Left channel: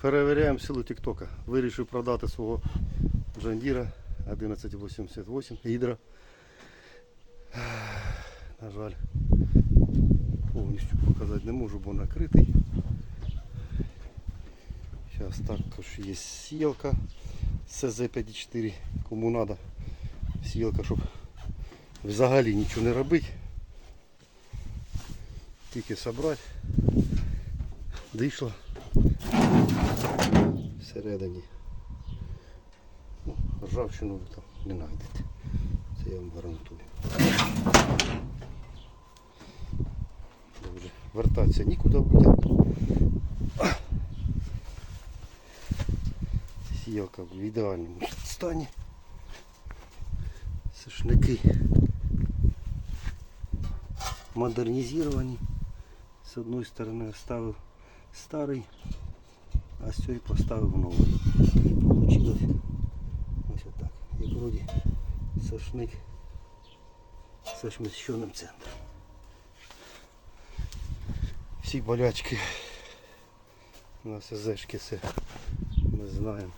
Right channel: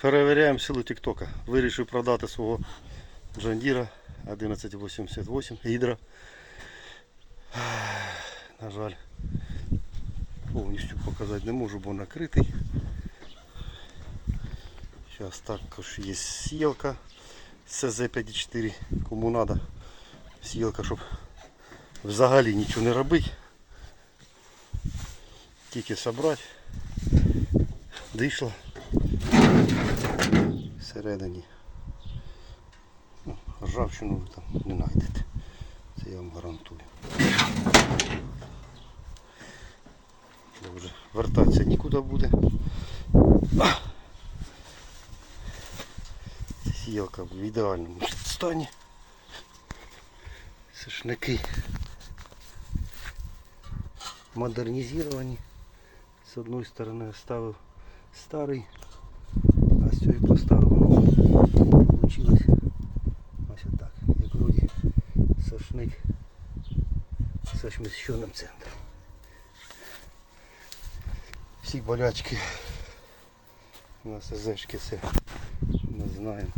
Перевіряємо силу Тіктока. Вирішив продати свого Джандіра 1188 гідра. На жаль, повністю показати не можу, бо накритий. Зараз також є сілка СЗ54. Кому треба сілка, щоб взагалі нічого не робити. Тільки собрати. Дійшла всередині. Ну, ржавчину ви там не знайдете. Це я вам гарантую. Вже вертатися нікуди буде. Сіялка в ідеальному стані. Сушники модернізовані. З одної сторони оставив старий, поставив. Получилось ось отак. Як вроді сошник з сміщеним центром. Всі болячки на СЗшки все ми знаємо.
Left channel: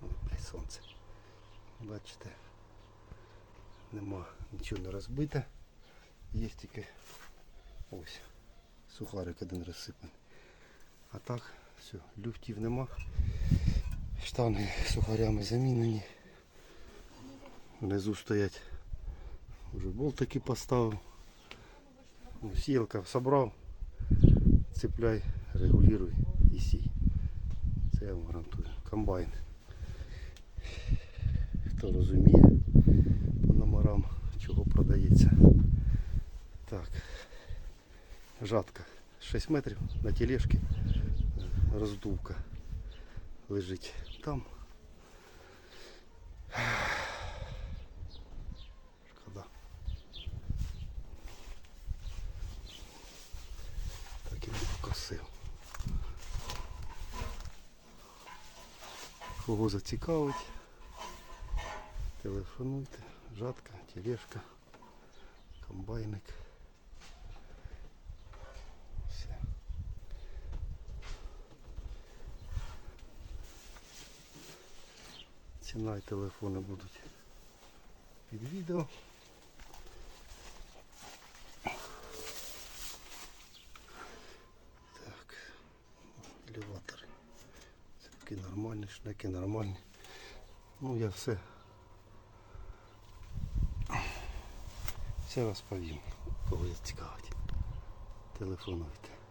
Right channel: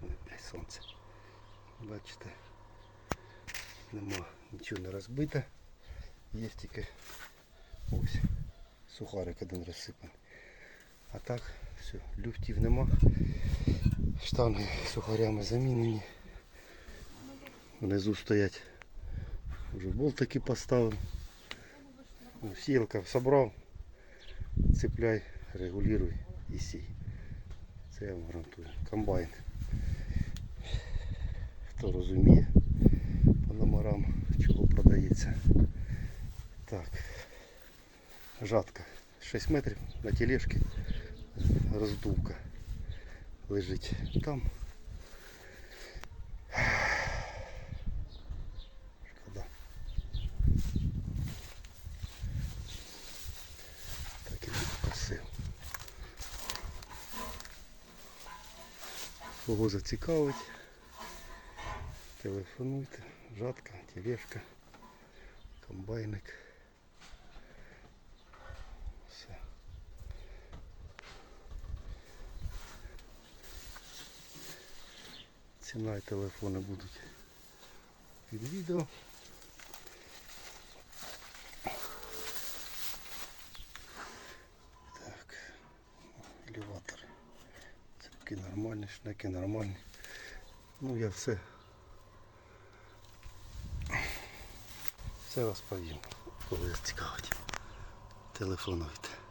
Блядь, сонце. Бачите, нема нічого не розбите. Є тільки ось сухарик один розсипаний. А так, все, люфтів нема. Штанги сухарями замінені. Внизу стоять. Вже болтики поставив. Сіялка собрав. Цепляй, регулюй і сій. Це я вам гарантую. Комбайн. Хто розуміє по номерам, чого продається. Так. Жатка 6 метрів на тележці. Роздувка лежить там. Шкода. Так і не покосив. Кого зацікавить, телефонуйте, жатка, тележка, комбайник. Ціна і телефони будуть під відео. Так, елеватори. Цепки нормальні, шнеки нормальні. Ну я все. Все розповім, коли цікавить. Телефонуйте.